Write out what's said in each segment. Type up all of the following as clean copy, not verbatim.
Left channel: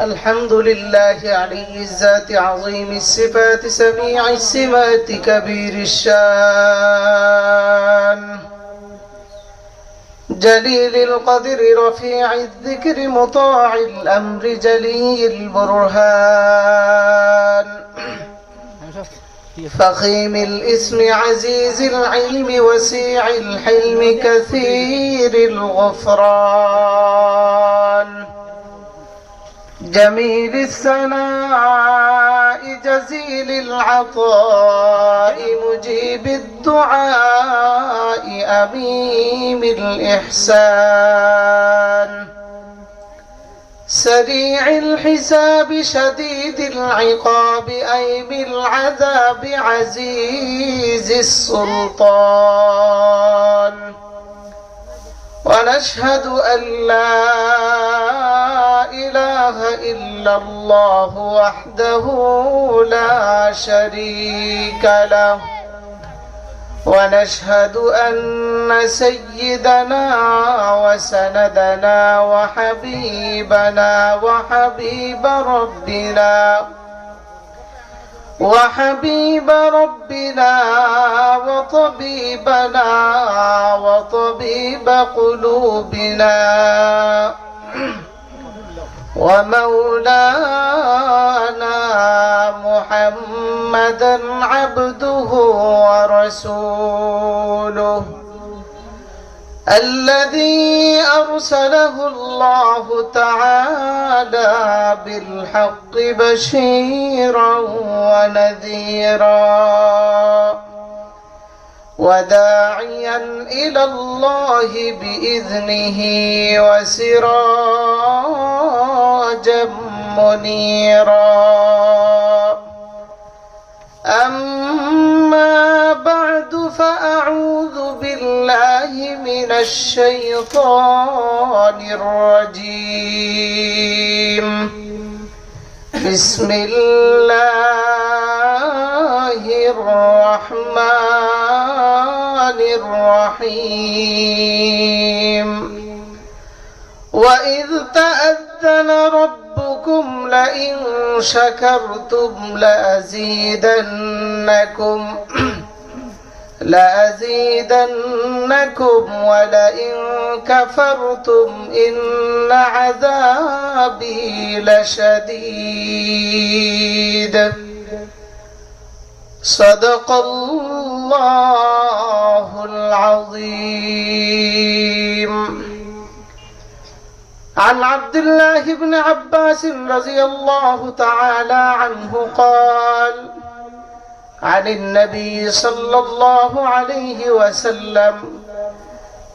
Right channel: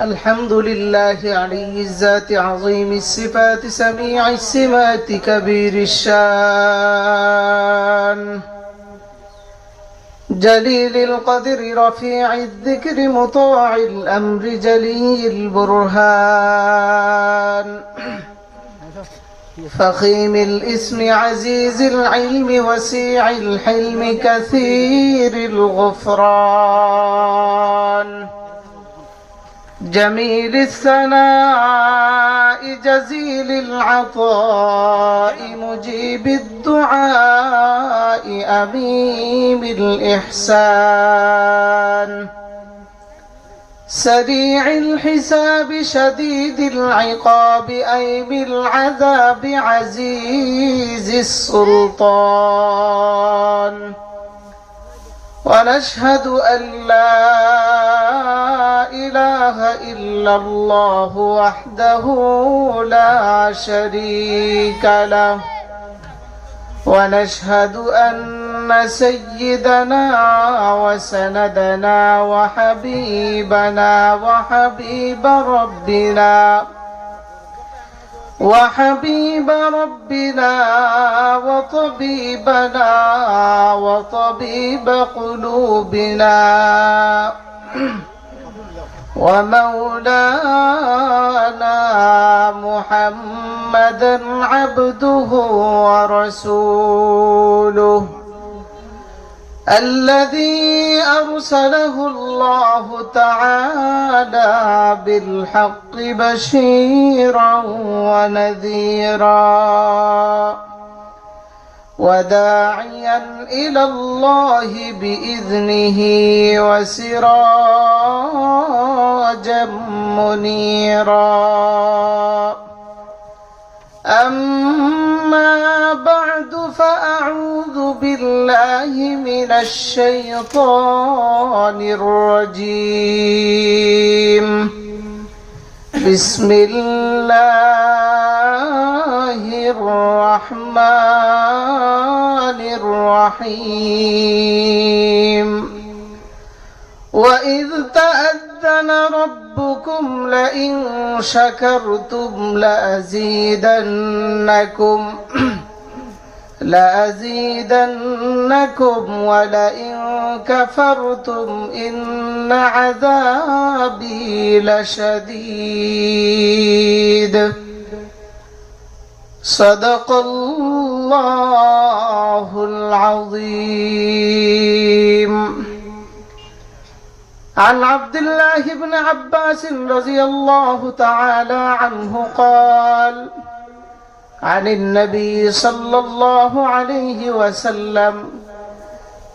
الحمد لله علي الذات عظيم الصفات سميع السمات كبير الشان جليل القدر رفيع الذكر مطاع الأمر جلي البرهان فخيم الاسم عزيز العلم وسيع الحلم كثير الغفران جميل الثناء جزيل العطاء مجيب الدعاء أميم الإحسان سريع الحساب شديد العقاب أيم العذاب عزيز السلطان ونشهد أن لا إله إلا الله وحده لا شريك له ونشهد أن سيدنا وسندنا وحبيبنا وحبيب ربنا وطبيبنا وطبيب قلوبنا ومولانا محمدا عبده ورسوله الذي أرسله الله تعالى بالحق بشيرا ونذيرا وداعيا إلى الله بإذنه وسراجا منيرا أما بعد فأعوذ بالله من الشيطان الرجيم بسم الله الرحمن الرحيم وإذ تأذن ربكم لئن شكرتم لأزيدنكم ولئن كفرتم إن عذابي لشديد صدق الله العظيم عن عبد الله بن عباس رضي الله تعالى عنه قال عن النبي صلى الله عليه وسلم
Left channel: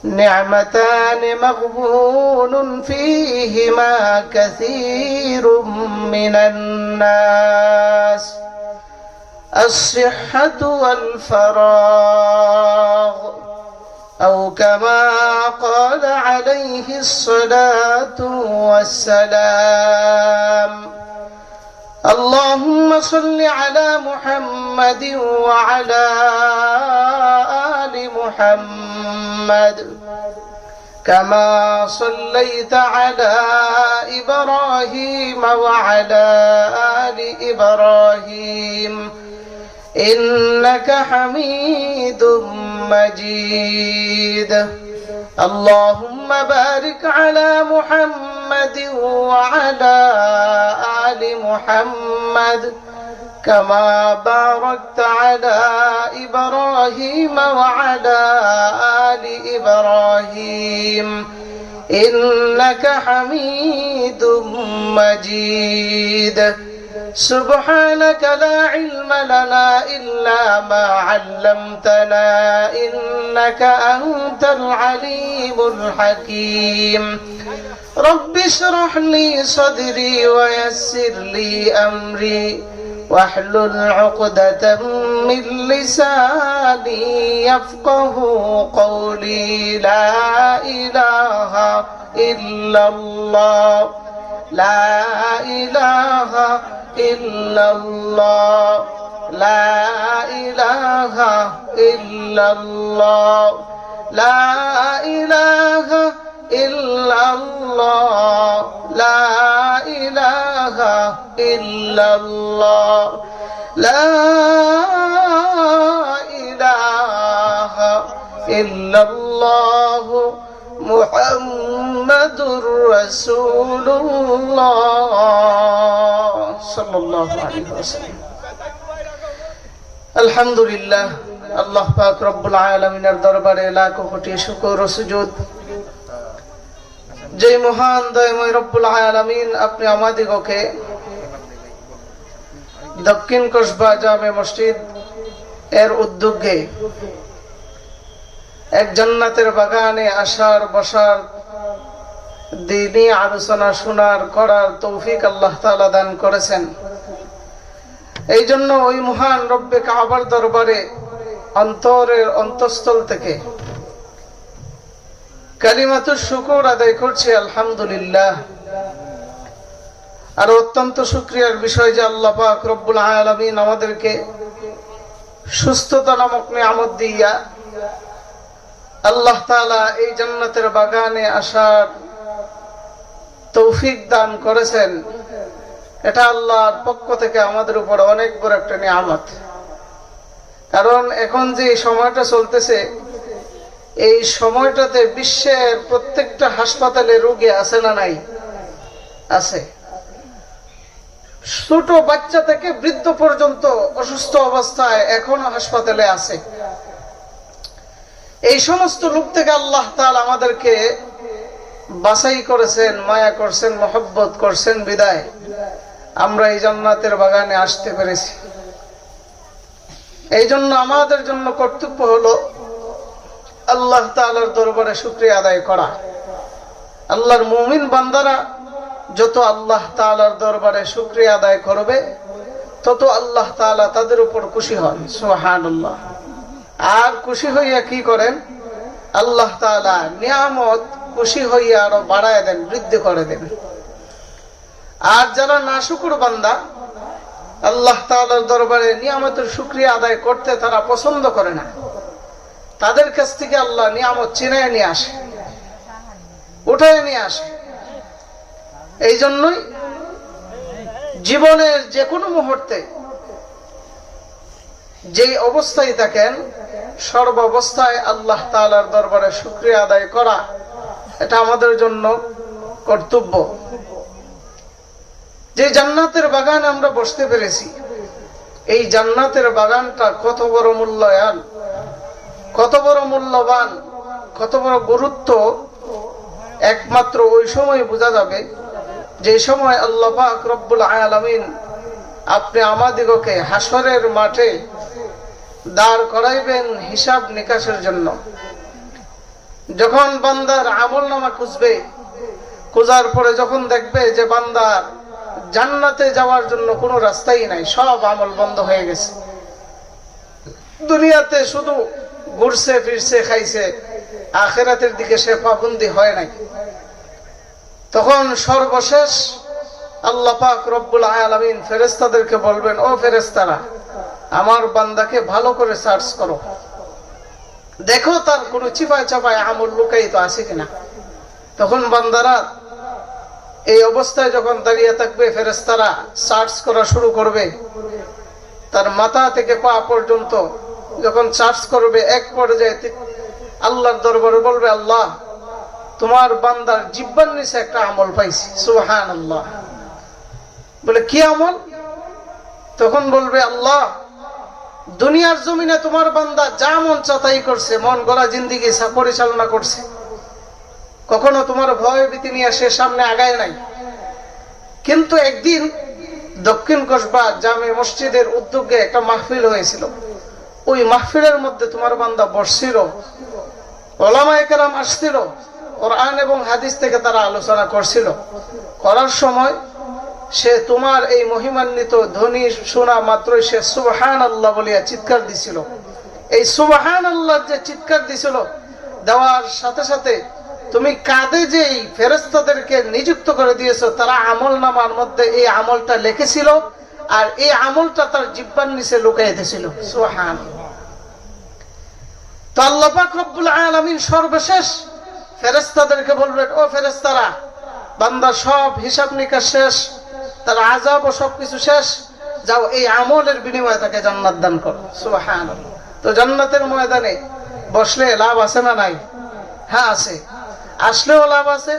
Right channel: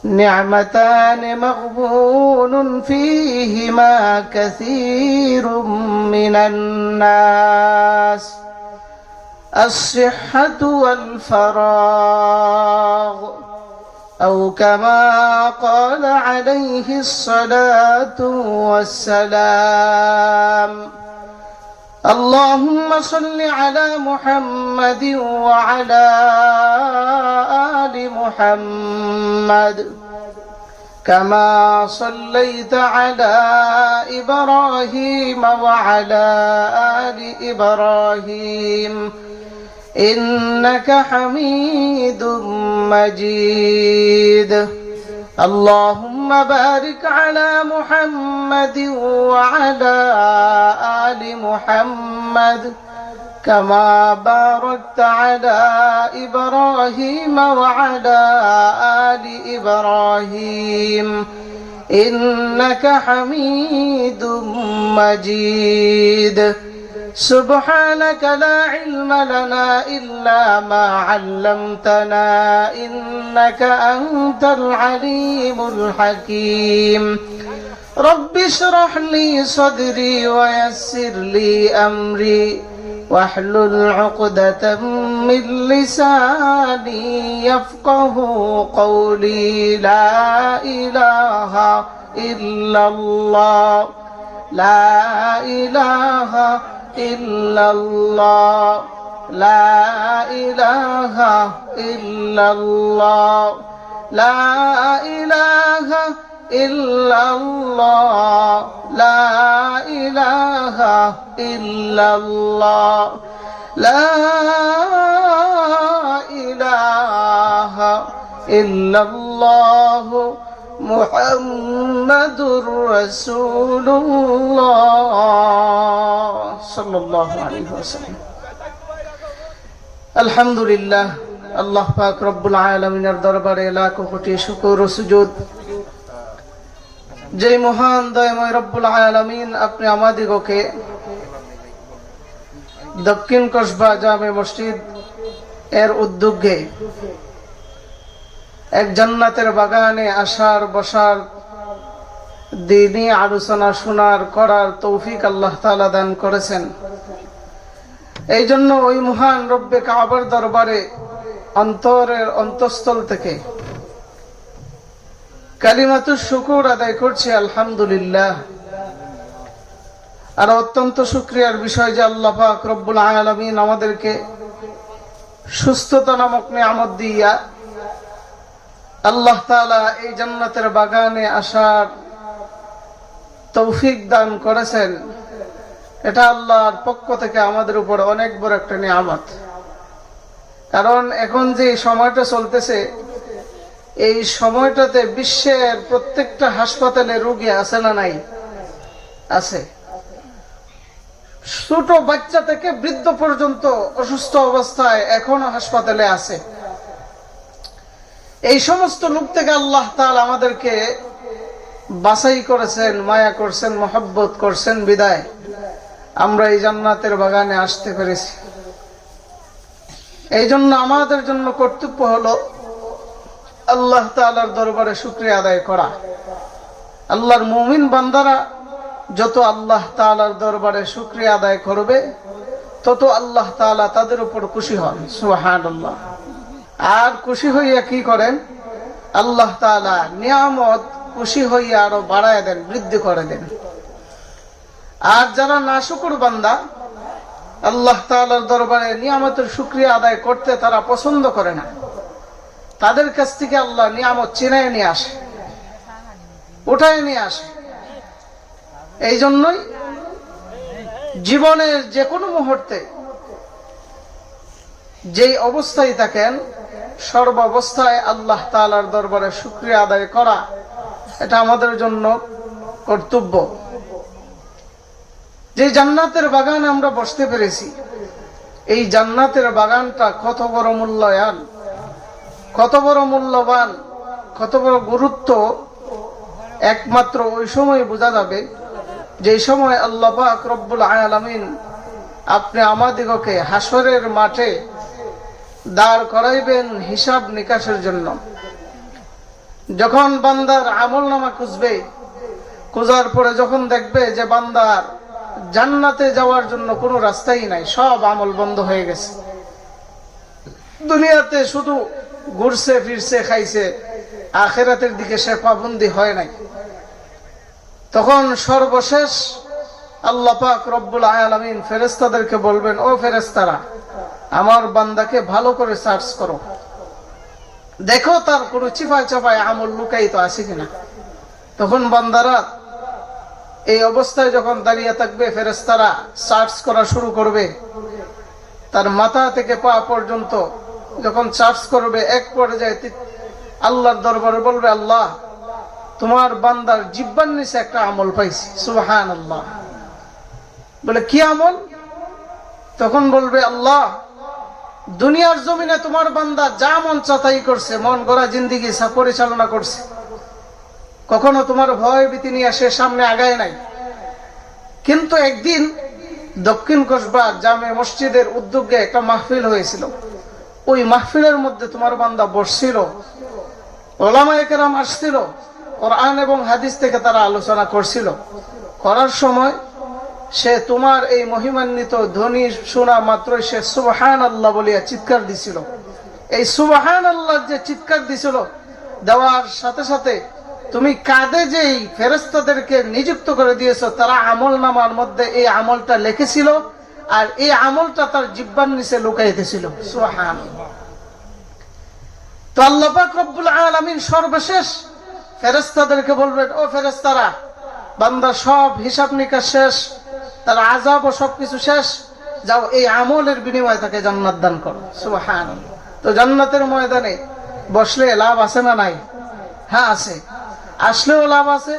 نعمتان مغبون فيهما كثير من الناس الصحة والفراغ أو كما قال عليه الصلاة والسلام اللهم صل على محمد وعلى آل محمد كما صليت على إبراهيم وعلى آل إبراهيم إنك حميد مجيد اللهم بارك على محمد وعلى آل محمد كما باركت على إبراهيم وعلى آل إبراهيم إنك حميد مجيد سبحانك لا علم لنا إلا ما علمتنا إنك أنت العليم الحكيم رب اشرح لي صدري ويسر لي أمري واحلل عقدة من لساني يفقه قولي لا إله إلا الله لا إله إلا الله لا إله إلا الله لا إله إلا الله لا إله ইলাহা ইল্লাল্লাহ লা ইলাহা ইল্লাল্লাহ মুহাম্মাদুর রাসূলুল্লাহ সাল্লাল্লাহু আলাইহি ওয়াসাল্লাম। আলহামদুলিল্লাহ, আল্লাহ পাক রব্বুল আলামিনের দরবারে লাখো কোটি শুকর ও সুজুদ। যে মহান দয়াময় রব্বুল আলামিন আপনি আমাদিগকে দক্ষিণ কসবা জামে মসজিদ এর উদ্যোগে এক জান্নাতের বাগানে আসার বসার দ্বীনি আলোচনা শোনার করার তৌফিক আল্লাহ তাআলা দান করেছেন। এই জন্য ওই মহান রব্বে কাবার দরবারে অন্তরের অন্তঃস্থল থেকে কালিমাতুশ শুকর আদায় করছি আলহামদুলিল্লাহ। আর অত্যন্ত শুকরিয়ার বিষয় যে আল্লাহ পাক রব্বুল আলামিন আমাদেরকে সুস্থতা নামক নিয়ামত দিয়া আল্লাহ তাআলা এই জান্নাতের বাগানে আসার তৌফিক দান করেছেন। এটা আল্লাহর পক্ষ থেকে আমাদের উপর অনেক বড় একটা নিয়ামত। কারণ এখন যে সময়টা চলতেছে, এই সময়টাতে বিশ্বের প্রত্যেকটা হাসপাতালে রোগী আছে না নাই? আছে। ছোট বাচ্চা থেকে বৃদ্ধ পর্যন্ত অসুস্থ অবস্থায় এখনো হাসপাতালে আছে। এই সমস্ত লোক থেকে আল্লাহ তাআলা আমাদেরকে বাছাই করেছেন, মায়া করছেন, মহব্বত করছেন বিদায় আমরা এই জান্নাতের বাগানে আসতে পেরেছি। এই জন্য আমাদের জন্য কর্তব্য হলো আল্লাহ তাআলার দরবারে শুকরিয়া আদায় করা। আল্লাহর মুমিন বান্দারা যত আল্লাহ তাআলার দরবারে শুকরিয়া আদায় করবে তত আল্লাহ তাআলা তাদের উপর খুশি হন। সুবহানাল্লাহ। আর খুশি হইয়া কি করেন? আল্লাহ তাআলা নিয়ামত খুশি হইয়া আরো বাড়ায় দেন, বৃদ্ধি করে দেন। আর যারা নাশুকর বান্দা, আল্লাহ তাআলার দরবারে নিয়ামতের শুকরিয়া আদায় করতে তারা পছন্দ করে না, তাদের কাছ থেকে আল্লাহ নিয়ামত ছিনায় নিয়ে আসে, উঠায় নিয়ে আসে। এই জন্যই জীবনের যে কোনো মুহূর্তে যেই অবস্থায় থাকেন, সর্ব অবস্থায় আল্লাহ তাআলার দরবারে শুকরিয়া আদায় করা এটা আমাদের জন্য কর্তব্য। যে জান্নাতের বাগান আমরা বসতে পেরেছি, এই জান্নাতের বাগানটা কত বড় মূল্যায়ন, কত বড় মূল্যবান, কত বড় গুরুত্ব একমাত্র ওই সময় বোঝা যাবে যে সময় আল্লাহ পাক রব্বুল আলামিন আপনি আমাদিগকে হাসরের মাঠে দাঁড় করাইবেন হিসাব নিকাশের জন্য। যখন বান্দার আমলনামা খুঁজবে, খোঁজার পরে যখন দেখবে যে বান্দা জান্নাতে যাওয়ার জন্য কোনো রাস্তাই নাই, সব আমল বন্ধ হয়ে গেছে, দুনিয়াতে শুধু ঘুরছে ফিরছে খাইছে, আখিরাতের দিকে সে পাবন্দি হয় নাই, তখন সর্বশেষ আল্লাহ পাক রব্বুল আলামিন ফেরেশতাদেরকে বলবেন, ও ফেরেশতারা, আমার বান্দাকে ভালো করে সার্চ করো, দেখো তার কোনো চিপায় চাপায় আমল লুকায়িত আছে কিনা। তখন বান্দারা এই অবস্থায় যখন দাঁড়িয়ে থাকবে, ফেরেশতারা সার্চ করা শুরু করবে, তার মাথা থেকে পা পর্যন্ত যখন সার্চ করবে, এক পর্যায়ে আল্লাহর দরবারে বলবে, আল্লাহ তোমার বান্দার জিহ্বার নিচে একটা আমল পাইছি। সুবহানাল্লাহ। বলে কি আমল? তখন বলবে, আল্লাহ দুনিয়ার জমিনে তোমার বান্দা যা মন চাতাই করছে, মন গড়া জিন্দেগি পরিচালনা করছে, কখনো তোমার ভয় ভীতি নিয়ে সে সামনে আগায় নাই। কিন্তু একদিন দক্ষিণ কসবা জামে মসজিদের উদ্যোগে একটা মাহফিল হয়েছিল, ওই মাহফিলের মধ্যে তোমার বান্দা বসছিল, ওলামায়ে কেরাম আসছিল, কোরআন এবং হাদিস থেকে তারা আলোচনা করছিল। করার সময় সে তোমার এই মহিমান্বিত ধ্বনি শোনা মাত্রই সে সুবহানাল্লাহ বলিয়া চিৎকার দিছিল। এই সুবহানাল্লাহ যে চিৎকার দিছিল, দেওয়ার সাথে সাথে তুমি কাঁধে যেই ফেরেশতাদেরকে নিযুক্ত করে দিয়েছো, তারা আমল নামার মধ্যে এই আমলটা লিখেছিল, আর এই আমলটা তার জিহ্বার নিচে লুকাইতেছিল। সুবহানাল্লাহ। তো আল্লাহ পাক রব্বুল আলামিন সর্বশেষ ফেরেশতাদেরকে বলবেন, ও ফেরেশতারা, বান্দা সব হিসাব নিকাশ শেষ, তার আযাব ও সবকিছু শেষ, যাও এই আমলের বিনিময়ে তাকে জান্নাত দান করো। সুবহানাল্লাহ। তো জান্নাতের ময়দানে বসলে লাভ আছে না নাই? হ্যাঁ আছে। আসলেও লাভ আছে,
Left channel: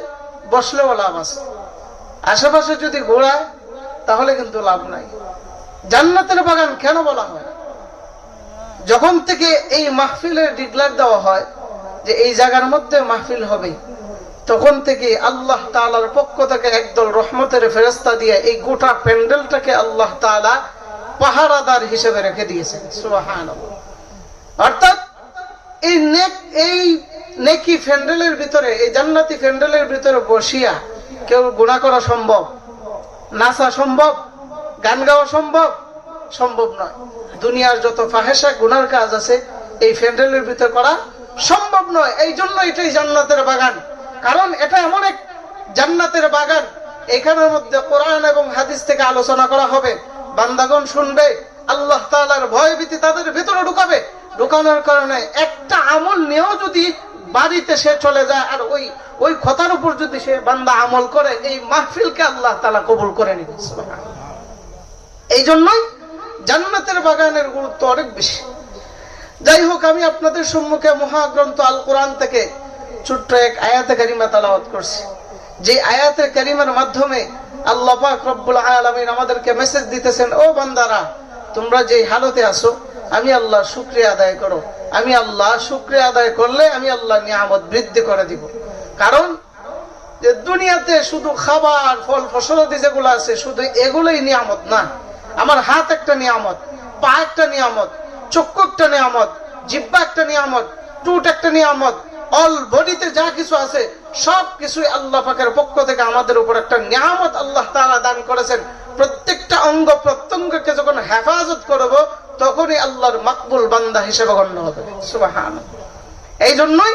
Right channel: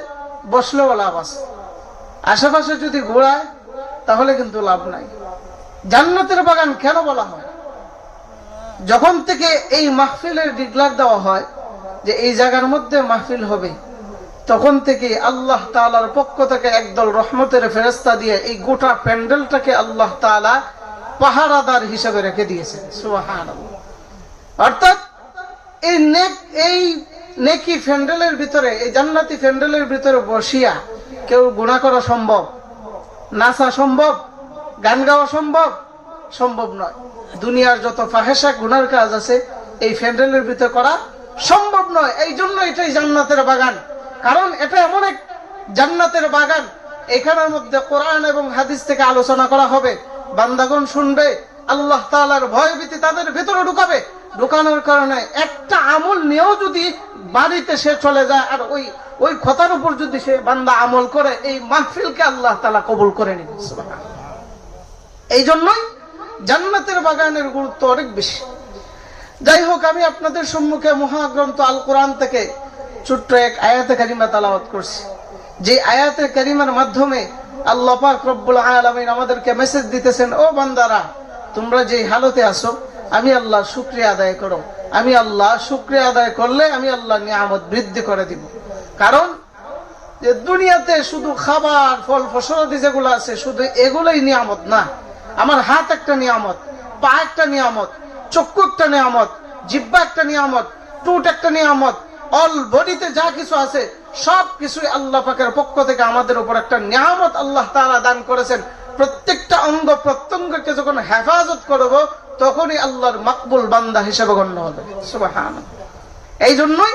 বসলেও লাভ আছে। আশেপাশে যদি ঘোরায় তাহলে কিন্তু লাভ নাই। জান্নাতের বাগান কেন বলা হয়? যখন থেকে এই মাহফিলের ডিক্লার দেওয়া হয় যে এই জায়গার মধ্যে মাহফিল হবে, তখন থেকে আল্লাহ তাআলার পক্ষ থেকে একদল রহমতের ফেরেশতা দিয়ে এই গোটা প্যান্ডেলটাকে আল্লাহ তাআলা পাহারাদার হিসেবে রেখে দিয়েছেন। সুবহানাল্লাহ। অর্থাৎ এই নেকি প্যান্ডেলের ভিতরে, এই জান্নাতি প্যান্ডেলের ভিতরে বসিয়া কেউ গুনাহ করা সম্ভব? নাচা সম্ভব? গান গাওয়া সম্ভব? সম্ভব নয়। দুনিয়ার যত ফাহেসা গুনার কাজ আছে এই প্যান্ডেলের ভিতরে করা সম্ভব নয়। এই জন্য এটাই জান্নাতের বাগান। কারণ এটা এমন এক জান্নাতের বাগান, এখানের মধ্যে কোরআন এবং হাদিস থেকে আলোচনা করা হবে, বান্দাগণ শুনবে, আল্লাহ তাআলার ভয় ভীতি তাদের ভিতরে ঢুকাবে। ঢুকানোর কারণে একটা আমল নিয়েও যদি বাড়িতে সে চলে যায় আর ওই কথার উপর যদি সে বান্দা আমল করে, এই মাহফিলকে আল্লাহ তাআলা কবুল করে নিবে। এই জন্যই জান্নাতের বাগানের গুরুত্ব অনেক বেশি। যাই হোক, আমি আপনাদের সম্মুখে মহাগ্রন্থ আল কোরআন থেকে ছোট্ট এক আয়াতে কারিমা তেলাওয়াত করছি, যে আয়াতে কারিমার মাধ্যমে আল্লাহ পাক রব্বুল আলামিন আমাদেরকে মেসেজ দিতেছেন, ও বান্দারা, তোমরা যে হালতে আছো আমি আল্লাহর শুকরিয়া আদায় করো। আমি আল্লাহ শুকরিয়া আদায় করলে আমি আল্লাহ নিয়ামত বৃদ্ধি করে দিব। কারণ যে দুনিয়াতে শুধু খাবার, ফল ফসলাদি যেগুলো আছে শুধু এগুলোই নিয়ামত না। আমার হাত একটা নিয়ামত, পা একটা নিয়ামত, চক্ষু একটা নিয়ামত, জিহ্বা একটা নিয়ামত, টুট একটা নিয়ামত, অল বডিতে যা কিছু আছে সবকিছুই আল্লাহ পাকের পক্ষ থেকে আমাদের উপর একটা নিয়ামত আল্লাহ তাআলা দান করেছেন। প্রত্যেকটা অঙ্গ প্রত্যঙ্গকে যখন হেফাজত করব তখনই আল্লাহর মাকবুল বান্দা হিসেবে গণ্য হবে। সুবহানাল্লাহ। এই জন্যই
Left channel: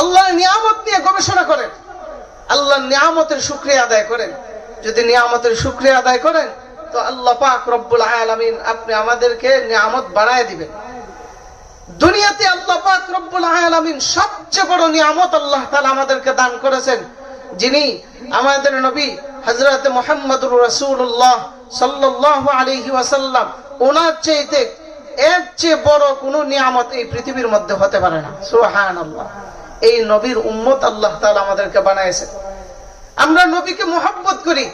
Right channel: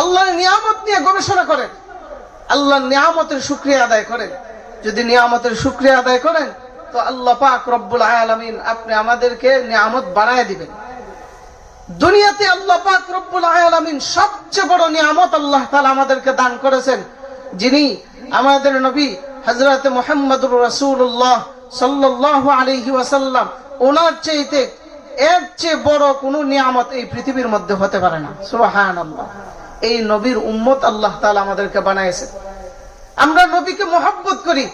আল্লাহর নিয়ামত নিয়ে গবেষণা করেন, আল্লাহর নিয়ামতের শুকরিয়া আদায় করেন। যদি নিয়ামতের শুকরিয়া আদায় করেন তো আল্লাহ পাক রব্বুল আলামিন আপনি আমাদেরকে নিয়ামত বাড়ায় দিবেন। দুনিয়াতে আল্লাহ পাক রব্বুল আলামিন সবচেয়ে বড় নিয়ামত আল্লাহ তাআলা আমাদেরকে দান করেছেন, যিনি আমাদের নবী হযরত মুহাম্মদুর রাসূলুল্লাহ সাল্লাল্লাহু আলাইহি ওয়াসাল্লাম, ওনার চাইতে এর চেয়ে বড় কোনো নিয়ামত এই পৃথিবীর মধ্যে হতে পারে না। সুবহানাল্লাহ। এই নবীর উম্মত আল্লাহ তাআলা আমাদেরকে বানাইছেন। আমরা নবীকে মুহাব্বত করি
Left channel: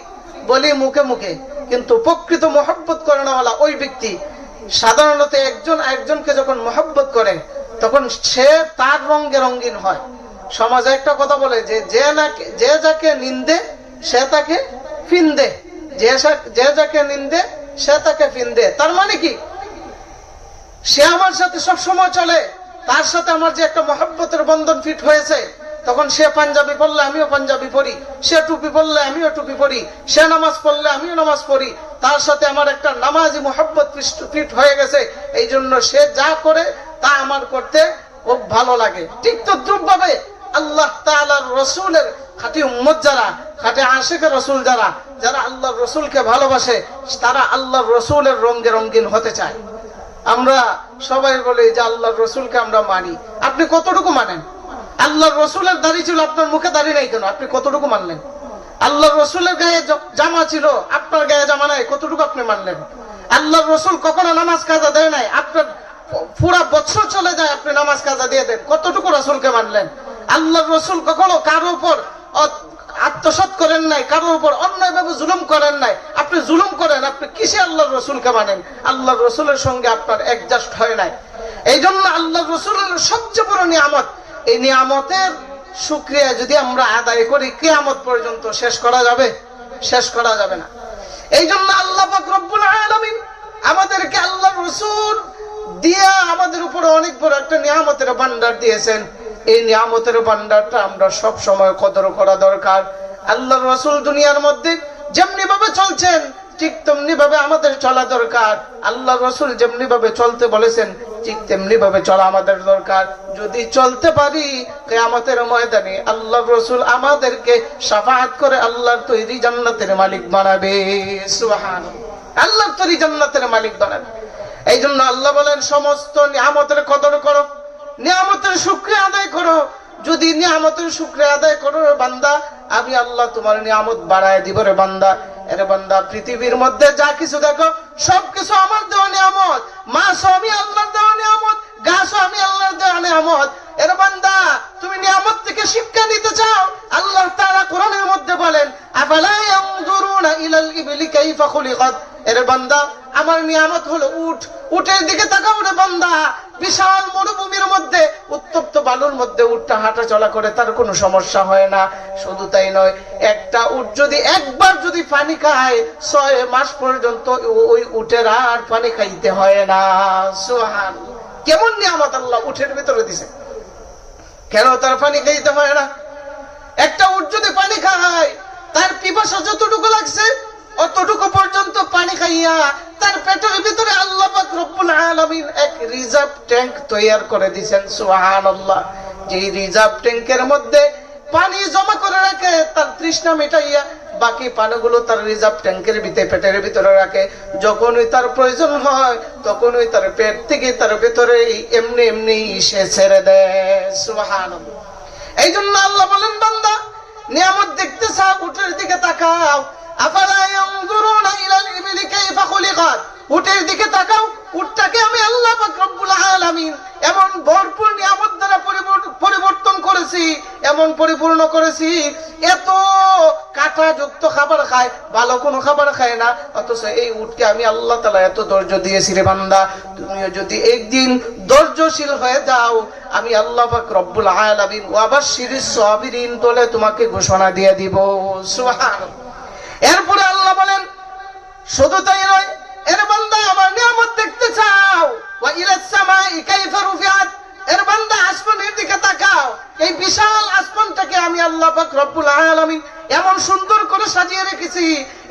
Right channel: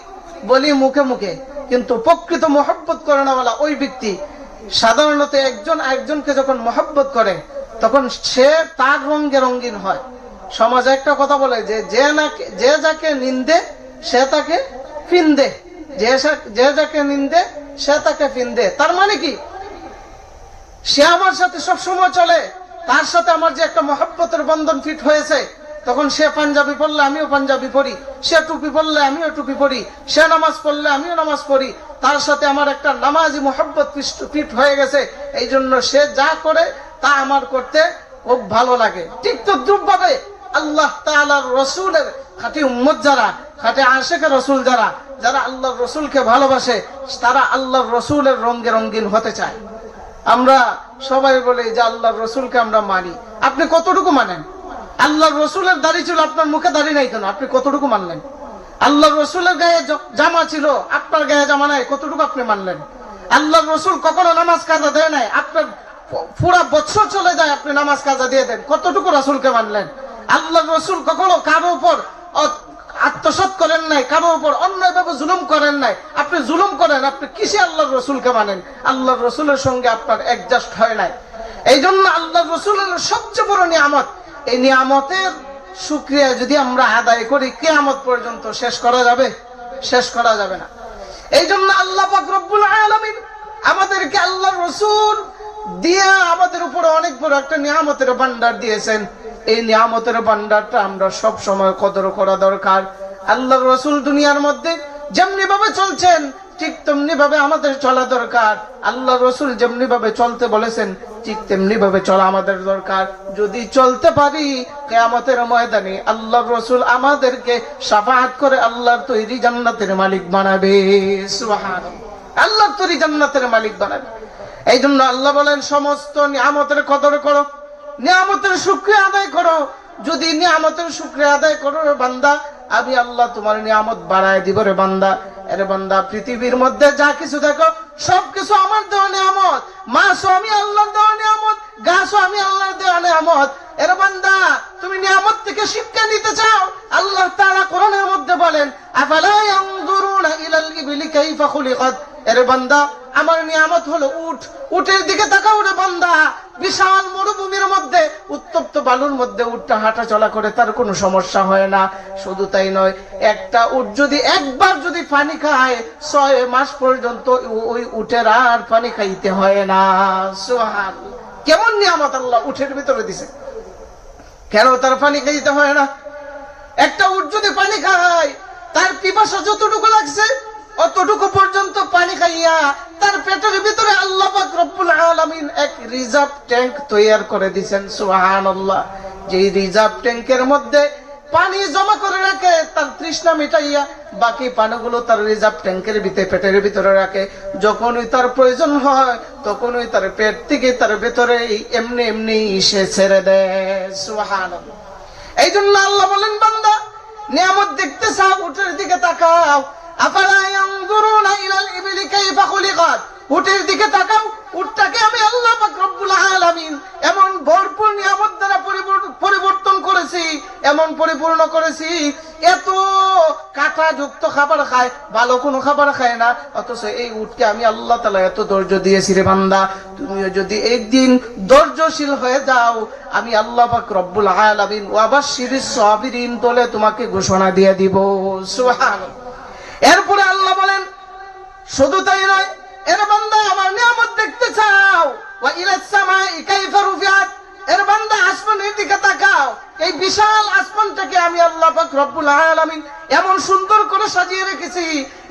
বলি মুখে মুখে, কিন্তু প্রকৃত মুহাব্বত করানোওয়ালা ওই ব্যক্তি সাধারণত একজনকে যখন মুহাব্বত করে তখন সে তার রঙে রঙিন হয়। সমাজে একটা কথা বলে যে যাকে নিন্দে সে তাকে ফিন্দে, যে যাকে নিন্দে সে তাকে ফিন্দে। তার মানে কি, সে আমার সাথে সব সময় চলে, তার সাথে আমার যে একটা মহব্বতের বন্ধন ফিট হয়েছে, তখন সে পাঞ্জাবি পড়লে আমিও পাঞ্জাবি পড়ি, সে টুপি পড়লে আমিও টুপি পড়ি, সে নামাজ পড়লে আমিও নামাজ পড়ি, তার সাথে আমার একটা নামাজি মহব্বত ফিট হয়ে গেছে। এই জন্য সে যা করে তা আমার করতে খুব ভালো লাগে। ঠিক তদ্রুপভাবে আল্লাহ তাআলার রাসূলের খাঁটি উম্মত যারা, খাঁটি আশিক রাসূল যারা আল্লাহর রাসূলকে ভালোবাসে, তারা আল্লাহর রাসূলের রঙে রঙিন হতে চায়। আমরা সবাই বলি যে আল্লাহর রাসূলকে আমরা মানি। আপনি কতটুকু মানেন? আল্লাহর রাসূলের দাড়ি ছিল, আপনার মুখে দাড়ি নাই কেন? আপনি কতটুকু মানলেন? আল্লাহর রাসূলের গায়ে জামা ছিল, আপনার গায়ে জামা নাই, কতটুকু আপনি মানলেন? আল্লাহর রাসূল কখনো নামাজ কাজা দেয় নাই, আপনার পুরা বছর চলে যায় আপনি নামাজ কাজা দিয়ে দেন, কতটুকু রাসূলকে মানলেন? আল্লাহর রাসূল কখনো কারো উপর আত্মসাৎ করেন নাই, কারো উপর অন্যায় ভাবে জুলুম করেন নাই, আপনি জুলুম করেন, আপনি কিসে আল্লাহর রাসূলকে মানেন? আল্লাহর রাসূলের সঙ্গে আপনার অ্যাডজাস্ট হয় নাই। এই জন্য আল্লাহর রাসূলের সবচেয়ে বড় নিয়ামত, এই নিয়ামতের শুকরিয়া যদি আমরা আদায় করি কিয়ামত পর্যন্ত শেষ করা যাবে না। এই জন্য আল্লাহ পাক রব্বুল আলামিন আমাদেরকে আল্লাহর রাসূল দিয়ে আমাদের উপর অনেক বড় একটা নিয়ামতের ভান্ডার দিয়েছেন। এই নিয়ামতের ভান্ডারটা আমরা সব সময় কদর করা দরকার। আল্লাহর রাসূল দুনিয়ার মধ্যে যেমনি ভাবে চলছেন ঠিক তেমনি ভাবে আমাদের চলা দরকার। আল্লাহর রাসূল যেমনি ভাবে চলতে বলেছেন ঠিক তেমনি ভাবে চলা আমাদের দরকার। যদি চলতে পারি কিয়ামতের ময়দানে আল্লাহর রাসূল আমাদেরকে শাফাআত করে আল্লাহর তৈরি জান্নাতের মালিক বানাবে। সুবহানাল্লাহ। আল্লাহর তৈরি জান্নাতের মালিক বানাবে। এই জন্য আল্লাহ বলেন সমস্ত নিয়ামতের কদর করো, নিয়ামতের শুকরিয়া আদায় করো। যদি নিয়ামতের শুকরিয়া আদায় করো বান্দা, আমি আল্লাহ তোমার নিয়ামত বাড়ায় দিব রে বান্দা। এরে বান্দা, পৃথিবীর মধ্যে যা কিছু দেখো সবকিছু আমার দেওয়া নিয়ামত। মাছও আমি আল্লাহর দেওয়া নিয়ামত, গাছও আমি আল্লাহর দেওয়া নিয়ামত। এর বান্দা, তুমি নিয়ামত থেকে শিক্ষা নিতে চাও? আল্লাহ তাআলা কোরআনের মধ্যে বলেন, আফালা ইয়ানজুরুনা ইলাল ইবলি কাইফা খুলিকাত। এর বান্দা, আমার নিয়ামত হলো উট। উটের দিকে তাকাও রে বান্দা। বিশাল মরুভূমির মধ্যে, উত্তপ্ত বালুর মধ্যে উটটা হাঁটা চলা করে, তার কোনো সমস্যা হয় না। শুধু তাই নয়, একটা উট যদি একবার যদি পানি খায় 6 মাস পর্যন্ত ওই উটের আর পানি খাইতে হয় না। সুবহানাল্লাহ, কেমন নিয়ামত আল্লাহ উটের ভিতরে দিছে। কেন তার পানি খাইতে হয় না? একটা উট যদি পানি খায়, তার পিপাসা যতটুকু লাগছে অতটুকু পর্যন্ত পানি খাইয়া তার পেটের ভিতরে আল্লাহ পাক রব্বুল আলামিন এক রিজার্ভ ট্যাঙ্ক তৈরি করে দিয়েছেন। সুবহানাল্লাহ, যে রিজার্ভ ট্যাঙ্কের মধ্যে পানি জমা করে রাখে তার তৃষ্ণা মিটাইয়া, বাকি পানিগুলো তার রিজার্ভ ট্যাঙ্কের ভিতরে পেটের ভিতরে রাখে। যখনই তার প্রয়োজন হয় তখনই তার পেট থেকে তার ভিতরে এমনি এমনি সে ছেড়ে দেয়। সুবহানাল্লাহ। এই জন্য আল্লাহ বলেন, বান্দা নিয়ামত দেখতে চাও, উটের দিকে তাকাও। আফালা ইয়ানজুরুনা ইলাল ইবলি কাইফা খুলিকাত। উটের দিকে তাকাও, উটটাকে আমি আল্লাহ পাক রব্বুল আলামিন এমন ভরপুর নিয়ামত দ্বারা পরিবর্তন করেছি, এমন পরিপূর্ণ করেছি। এত কাঁটাযুক্ত খাবার খায়, ভালো কোনো খাবার খায় না, অথচ এই উটকে আমি আল্লাহ তাআলা এত ধৈর্য দিয়েছি রে বান্দা। তুমিও যদি একদিন ধৈর্যশীল হয়ে যাও, আমি আল্লাহ পাক রব্বুল আলামিন ওয়াবাশশিরিস সাবিরিন বলে তোমাকে ঘোষণা দিয়ে দিব। সুবহানাল্লাহ। এরপরে আল্লাহ বলেন, শুধু তাই নয়, এর বান্দা আমার নিয়ামত দেখতে চাও? ওয়া ইলাস সামাই কাইফা রুফিআত। এর বান্দা, আসমানের দিকে তাকাও। এই বিশাল আসমানটাকে আমি আল্লাহ পাক রব্বুল আলামিন এমন সুন্দর করে সাজিয়ে রেখেছি,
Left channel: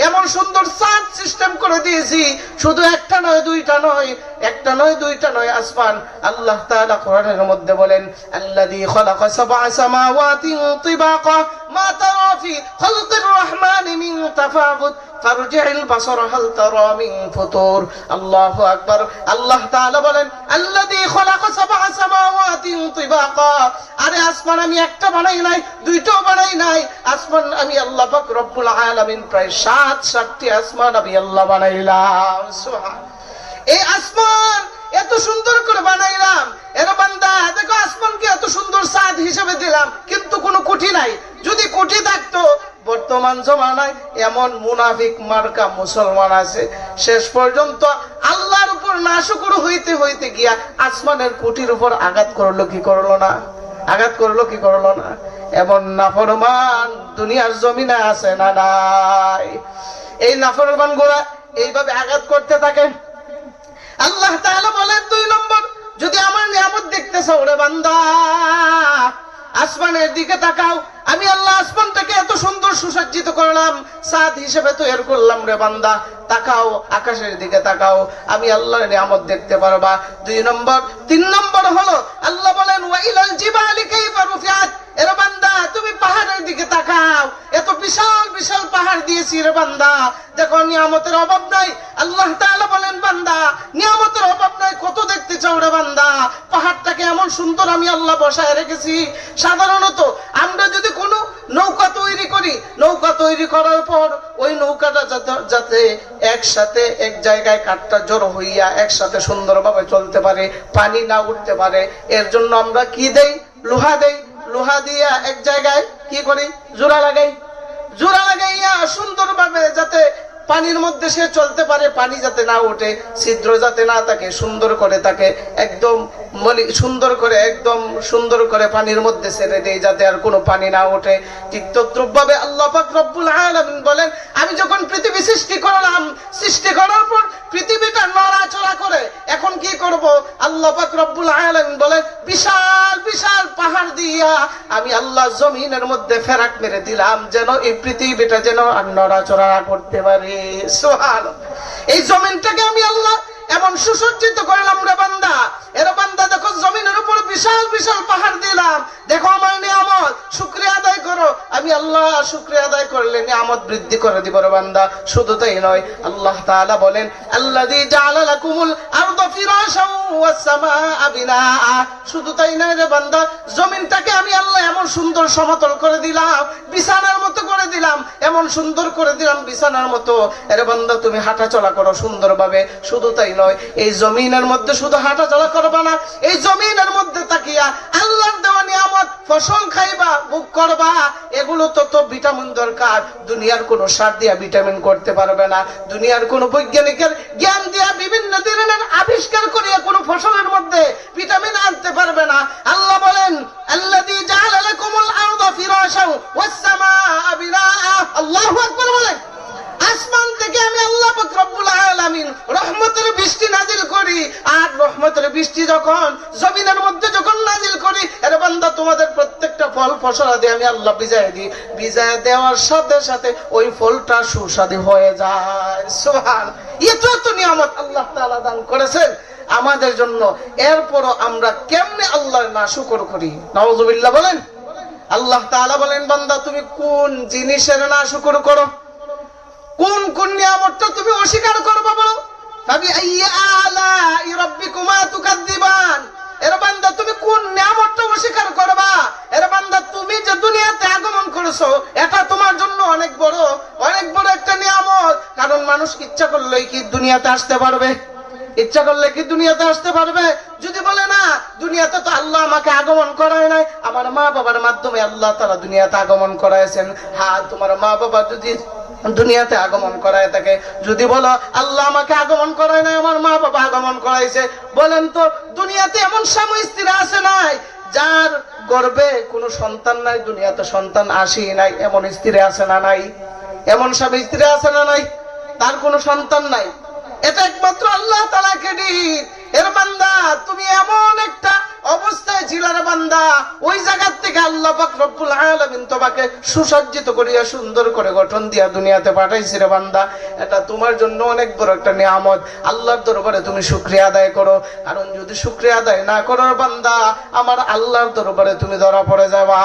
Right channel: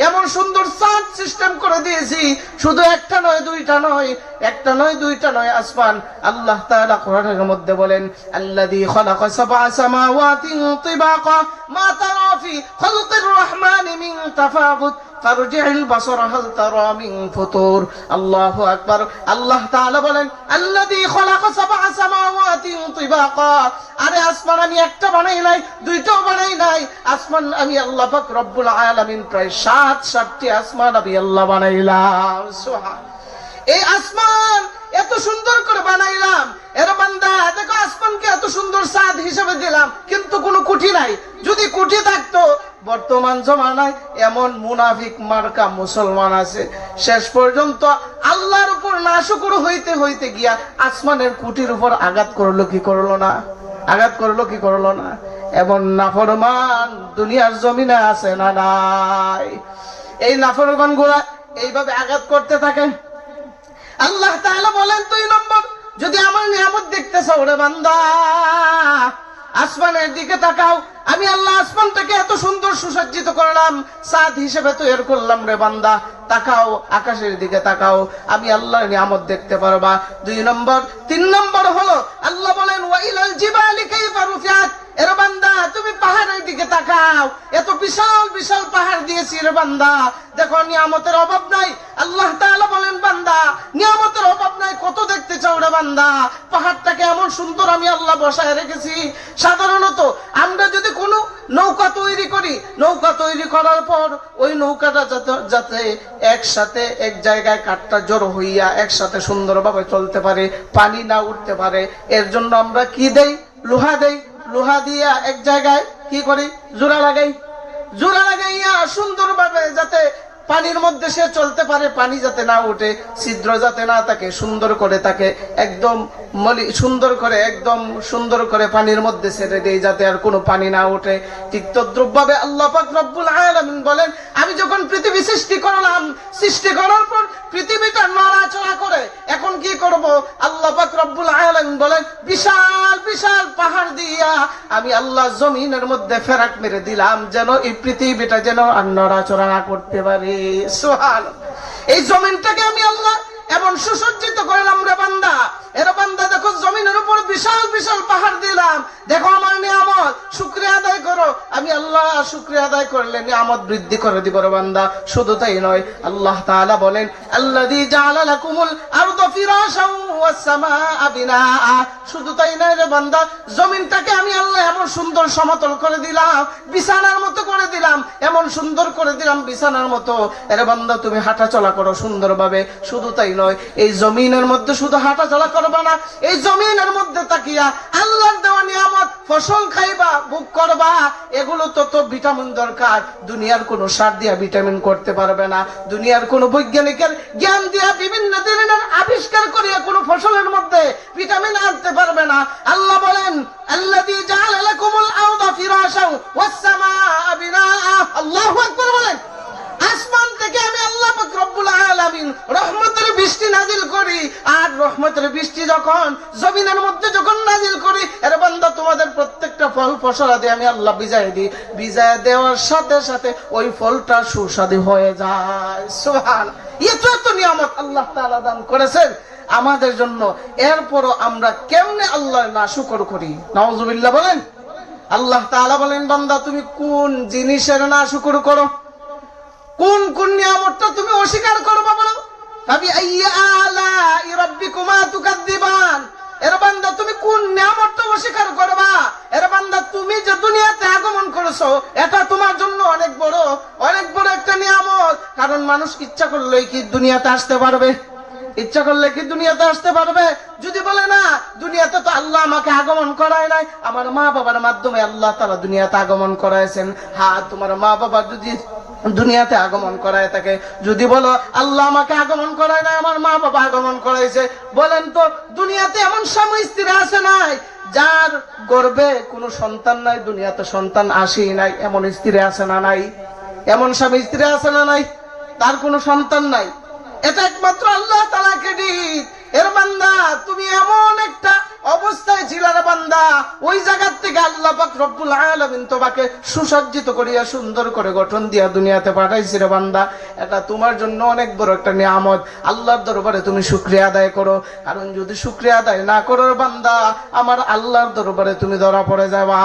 এমন সুন্দর সাজ সিস্টেম করে দিয়েছি। শুধু একটা নয়, দুইটা নয়, একটা নয়, দুইটা নয় আসমান। আল্লাহ তাআলা কোরআনের মধ্যে বলেন, আল্লাযী খালাকা সাবআ সামাওয়াতিন তিবাকা মা তারা ফি খালকির রহমানি মিন তাফাউত ফারজি'ল বাসার হাল তারা মিন ফুতুর। আল্লাহু আকবার। আল্লাহ তাআলা বলেন, আল্লাযী খালাকা সাবআ সামাওয়াতিন তিবাকা। আরে আসমান আমি একটা বানাই নাই, দুইটাও বানাই নাই। আসমান আমি আল্লাহ পাক রব্বুল আলামিন প্রায় 7টি আসমান আমি আল্লাহ বানাইলাম। সুবহান। এই আসমান এত সুন্দর করে বানাইলাম। এর বান্দা দেখো, আসমানকে এত সুন্দর ছাদ হিসেবে দিলাম, কিন্তু কোনো কুঠি নাই। যদি কুঠি থাকতো, বর্তমান জমানায় এমন মুনাফিক মার্কা মুসলমান আছে, শেষ পর্যন্ত আল্লাহর উপর নাশুকর হইতে হইতে গিয়া আসমানের কুঠির উপর আঘাত করলো কি করলো না? আঘাত করলো কি করলো না? এমন নাফরমান দুনিয়ার জমিনে আছে না নাই? এই নাফরমান গুলা এইভাবে আঘাত করতে থাকে। আল্লাহ তাআলা বলেন, 2 নম্বর, যদি আমার নিয়ামত দেখতে চাও রে বান্দা, আসমানের দিকে তাকাও। আমি আল্লাহ আসমানটাকে এত সুন্দর সুসজ্জিত করলাম, ছাদ হিসেবে তৈরি করলাম রে বান্দা। তাকাও, আকাশের দিকে তাকাও, আমি আল্লাহর নিয়ামত দেখতে পারবা। 2 নম্বর। 3 নম্বর হলো আল্লাহ বলেন, ওয়া ইলাল জিবালি কাইফা রুফিআত। এর বান্দা, তুমি পাহাড়ের দিকে তাকাও। এত বিশাল বিশাল পাহাড় দিয়েছি রে বান্দা, দেখো নিয়ামতের অভাব নাই। আল্লাহ তাআলা বলেন, বান্দা নিয়ামতের অভাব নাই, কত দেখতে চাও রে বান্দা? পাহাড়টাকে এমন সুন্দর আমি আল্লাহ বসায় রেখেছি। সাধারণত আমরা যদি কোনো নৌকা তৈরি করি, নৌকা তৈরি করার পর ওই নৌকাটা যাতে একসাথে এক জায়গায় কাঠটা জড়ো হইয়া একসাথে সুন্দরভাবে চলতে পারে, পানি না উঠতে পারে, এর জন্য আমরা কি দেই? লোহা দেই। লোহা দিয়া এক জায়গায় কি করি? জোড়া লাগাই। জোড়া লাগাইয়া সুন্দরভাবে যাতে পানির মধ্যে সে চলতে পারে, পানি যাতে না উঠে, ছিদ্র যাতে না থাকে, সুন্দর করে তাকে একদম সুন্দর করে পানির মধ্যে ছেড়ে দেয়, যাতে আর কোনো পানি না ওঠে। ঠিক তদ্রুপভাবে আল্লাহ পাক রব্বুল আলামিন বলেন, আমি যখন পৃথিবী সৃষ্টি করলাম, সৃষ্টি করার পর পৃথিবীটা নড়াচড়া করে, এখন কি করব? আল্লাহ পাক রব্বুল আলামিন বলেন, বিশাল বিশাল পাহাড় দিয়া আমি আল্লাহ জমিনের মধ্যে ফেরাক মেরে দিলাম, যেন এই পৃথিবীটা যেন আর নড়াচড়া না করতে পারে। সুবহানাল্লাহ। এই জমিনটাকে আমি আল্লাহ এমন সুসজ্জিত করলাম রে বান্দা, এর বান্দা দেখো জমিনের উপর বিশাল বিশাল পাহাড় দিলাম, দেখো আমার নিয়ামত, শুকরিয়া আদায় করো। আমি আল্লাহ শুকরিয়া আদায় করলে নিয়ামত বৃদ্ধি করে দিব রে বান্দা। শুধু তাই নয়, আল্লাহ তাআলা বলেন আল্লাযী জাআলা লাকুমুল আরদা ফিরাশাও ওয়াস সামাআ বিনাআ। শুধু তাই নয় রে বান্দা, জমিনটাকে আমি আল্লাহ এমন সুন্দর সমতল করে দিলাম, বিছানার মতো করে দিলাম, এমন সুন্দর করে দিলাম বিছানার মতো। এর বান্দা তুমি হাঁটা চলা করো সুন্দরভাবে। শুধু তাই নয়, এই জমিনের মধ্যে শুধু হাঁটা চলা করবা না, এই জমিনের মধ্যে তাকিয়া আল্লাহর দেওয়া নিয়ামত ফসল খাইবা, ভোগ করবা। এগুলো তত ভিটামিন দরকার, দুনিয়ার কোন সার দিয়া ভিটামিন করতে পারবে না, দুনিয়ার কোন বৈজ্ঞানিকের জ্ঞান দিয়া বিভিন্ন ধরনের আবিষ্কার করিয়া কোন ফসলের মধ্যে ভিটামিন আনতে পারবে না। আল্লাহ বলেন আল্লাযী জাআলা লাকুমুল আরদা ফিরাশাও ওয়াস সামাআ বিনাআ। আল্লাহু আকবার বলেন, আসমান থেকে আমি আল্লাহ পাক রব্বুল আলামিন রহমতের বৃষ্টি নাজিল করি, আর রহমতের বৃষ্টি যখন জমিনের মধ্যে যখন নাজিল করি, এর বান্দা তোমাদের প্রত্যেকটা ফল ফসল দিয়ে আমি আল্লাহ ভিজায় দিই। ভিজায় দেওয়ার সাথে সাথে ওই ফলটা সুস্বাদু হয়ে যায়। সুবহানাল্লাহ, এত নিয়ামত আল্লাহ তাআলা দান করেছেন আমাদের জন্য। এরপরও আমরা কেমনে আল্লাহর নাশুকর করি? নাউজুবিল্লাহ বলেন। আল্লাহ তাআলা বলেন বান্দা তুমি কোন জিনিসের নাশুকর করো, কোন কোন নিয়ামতটা তুমি অস্বীকার করবা বলো? ফাবিআইয়ি আলাই রাব্বিকুমা তুকাদ্দিবান। এর বান্দা তুমি কোন নিয়ামতটা অস্বীকার করবা? এর বান্দা তুমি যে দুনিয়াতে আগমন করেছো, এটা তোমার জন্য অনেক বড় একটা নিয়ামত। কারণ মানুষ ইচ্ছা করলেই কি দুনিয়াতে আসতে পারবে? ইচ্ছা করলে কি দুনিয়াতে আসতে পারবে? যদি বলে না, দুনিয়াতে তো আল্লাহ আমাকে আগমন করায় নাই, আমার মা বাবার মাধ্যমে আল্লাহ তাআলা দুনিয়াতে আগমন করাইছেন। হ্যাঁ, তোমার মা বাবা যদি দুনিয়াতে আগমন করায় থাকে, যদি বলো আল্লাহ আমাকে আগমন করায় নাই, আমার মা বাবা আগমন করাইছে, বলেন তো দুনিয়াতে এমন স্বামী স্ত্রী আছে নাই যার গর্ভে কোনো সন্তান নাই, দুনিয়াতে সন্তান আসি নাই? এমন স্ত্রী আছে না নাই? এমন স্বামী স্ত্রী আছে না নাই তার কোনো সন্তান নাই? এটা একমাত্র আল্লাহ তাআলাকে দিক। এর বান্দা তুমি এমন একটা অবস্থায় ছিলা রে বান্দা, ওই জায়গা থেকে আল্লাহ পাক রব্বুল আলামিন তোমাকে সুসজ্জিত করিয়া সুন্দর করে গঠন দিয়া দুনিয়াতে পাঠাইছে রে বান্দা। এটা তোমার জন্য অনেক বড় একটা নিয়ামত। আল্লাহর দরবারে তুমি শুকরিয়া আদায় করো, কারণ যদি শুকরিয়া আদায় না করো বান্দা, আমার আল্লাহর দরবারে তুমি ধরা পড়ে যাবা।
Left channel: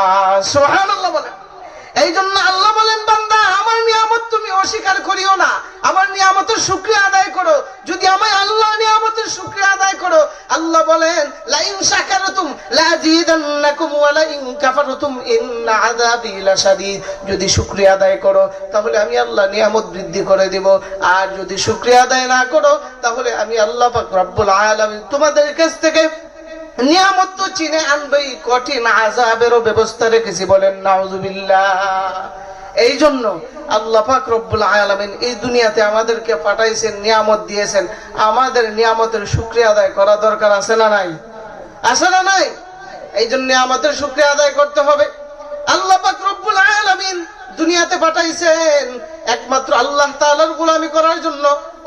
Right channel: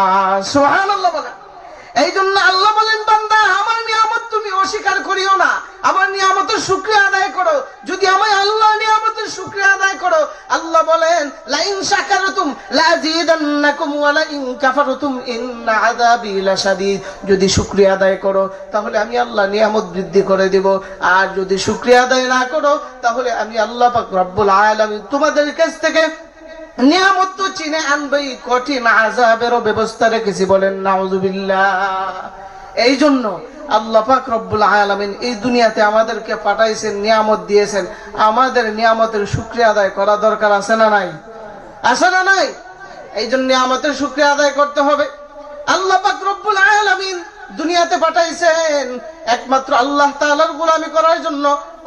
সুবহানাল্লাহ বলেন। এই জন্য আল্লাহ বলেন বান্দা আমার নিয়ামত তুমি অস্বীকার করিও না, আমার নিয়ামতের শুকরিয়া আদায় করো। যদি আমার আল্লাহর নিয়ামতের শুকরিয়া আদায় করো, আল্লাহ বলেন লাইন শাকারতুম লাযীদান্নাকুম ওয়া লাইন কাফারতুম ইন্না আযাবি লাশাদীদ। যদি শুকরিয়া আদায় করো তাহলে আমি আল্লাহ নিয়ামত বৃদ্ধি করে দেব, আর যদি শুকরিয়া আদায় না করো তাহলে আমি আল্লাহ পাক রব্বুল আলামিন তোমাদের কাছ থেকে নিয়ামত তো চিনে আনবেই, কঠিন আযাবেরও ব্যবস্থা রেখেছি। বলেন নাউযুবিল্লাহ। এই জন্য আল্লাহ পাক রব্বুল আলামিন এই দুনিয়াতে আমাদেরকে পাঠাইছেন, নিয়ামত দিয়েছেন। আমাদের নিয়ামতের শুকরিয়া আদায় করা দরকার আছে না নাই? আছে না নাই? এই জন্য নিয়ামতের শুকরিয়া আদায় করতে হবে। আল্লাহ পাক রব্বুল আলামিন দুনিয়াতে পাঠাইছেন একমাত্র আল্লাহ তাআলার গোলামি করার জন্য,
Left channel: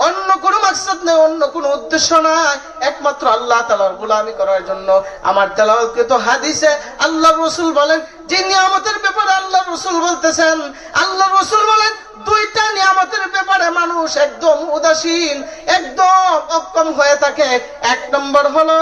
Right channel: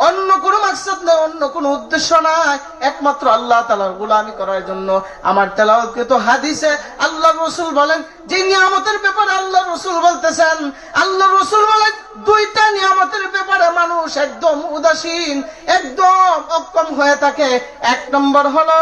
অন্য কোনো মাকসাদ নেই, অন্য কোনো উদ্দেশ্য নাই, একমাত্র আল্লাহ তাআলার গোলামি করার জন্য। আমার তেলাওয়াতকৃত হাদিসে আল্লাহ রাসূল বলেন, যে নিয়ামতের ব্যাপারে আল্লাহ রাসূল বলতেছেন, আল্লাহ রাসূল বলেন দুইটা নিয়ামতের ব্যাপারে মানুষ একদম উদাসীন, একদম অক্ষম হয়ে থাকে। এক নম্বর হলো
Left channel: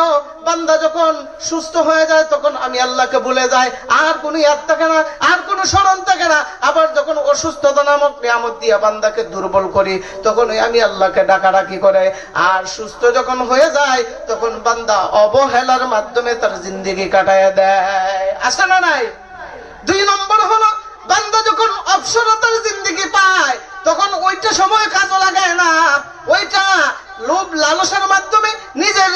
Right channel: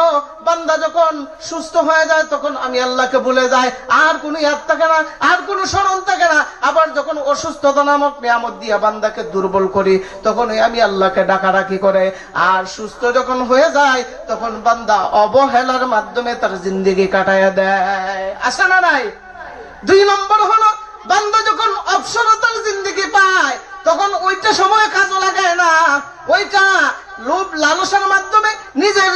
বান্দা যখন সুস্থ হয়ে যায় তখন আমি আল্লাহকে ভুলে যাই, আর কোনো ইয়াদ থাকে না, আর কোনো স্মরণ থাকে না। আবার যখন অসুস্থতা নামক নিয়ামত দিয়ে বান্দাকে দুর্বল করি তখন আমি আল্লাহকে ডাকাডাকি করে। আর সুস্থ যখন হয়ে যায় তখন বান্দা অবহেলার মাধ্যমে তার জিন্দেগি কাটায় দেয়। আছে না নাই? দুই নম্বর হলো বান্দা যখন অবসরতার জিন্দেগি পায় তখন ওইটা সময় কাজে লাগায় না, ওইটা লোভ লালসার মাধ্যমে নিজের